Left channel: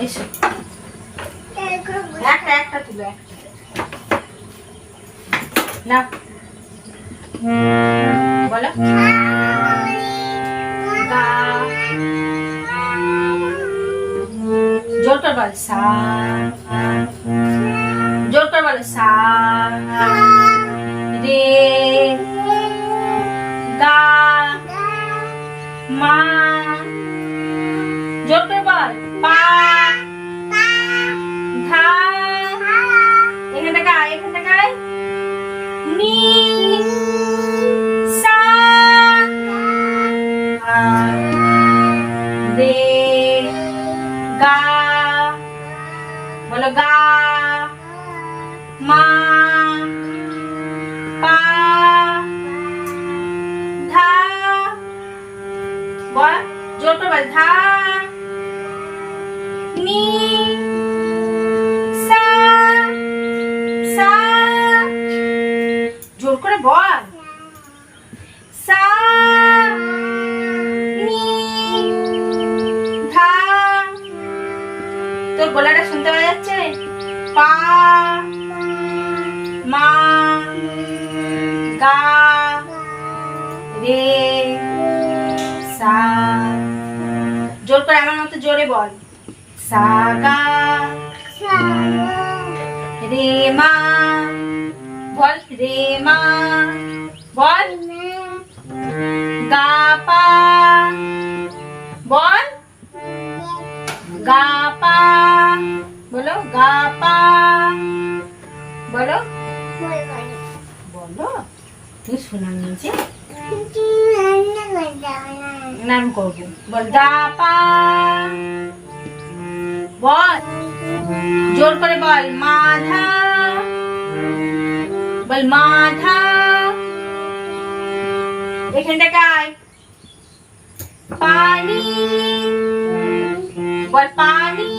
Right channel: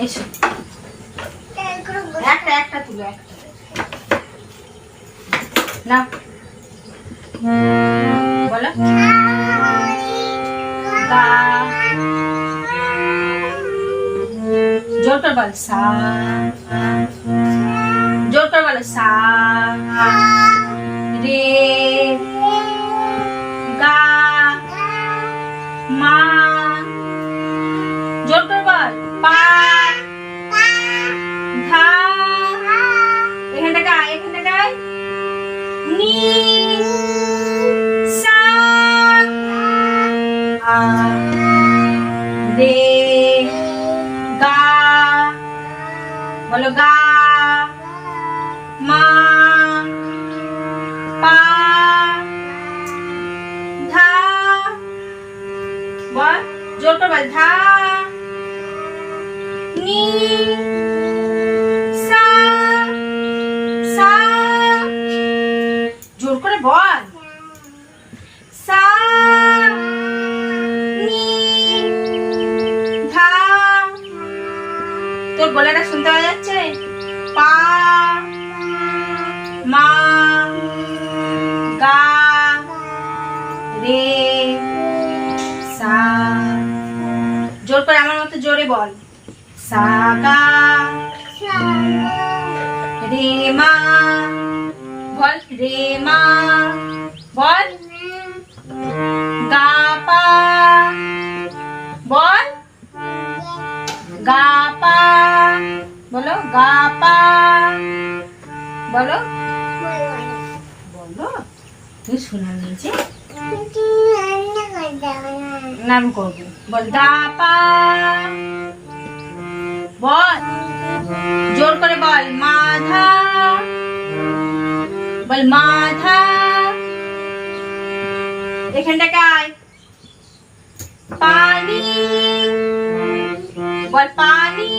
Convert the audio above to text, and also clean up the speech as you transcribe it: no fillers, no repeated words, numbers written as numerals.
এসো একটা তুলো একটা না বলো গা জোর করে বল সা জোর করে বলো সা রে গা মা জোর করে বল পা ধা এখানটা গায় নি সা রে গা বলো গা মা পা ধা বল জোর করে বল ধা নি সা সা জোর করে বল সা নি ধা তোর গলাটা শুনতে পাওয়া যাচ্ছে পা মা গা রে সা জোর করে আমার মতো জোরে বল সা গা রে মা বল রে মা বল গা পা বল গা পা বলো গা পা বলো বলো তুই শোনার নিচে নাম করবো বল গা পা বল জোর করে বল মাধা বল মাধা এখানটাকে আয় পানি বল পানি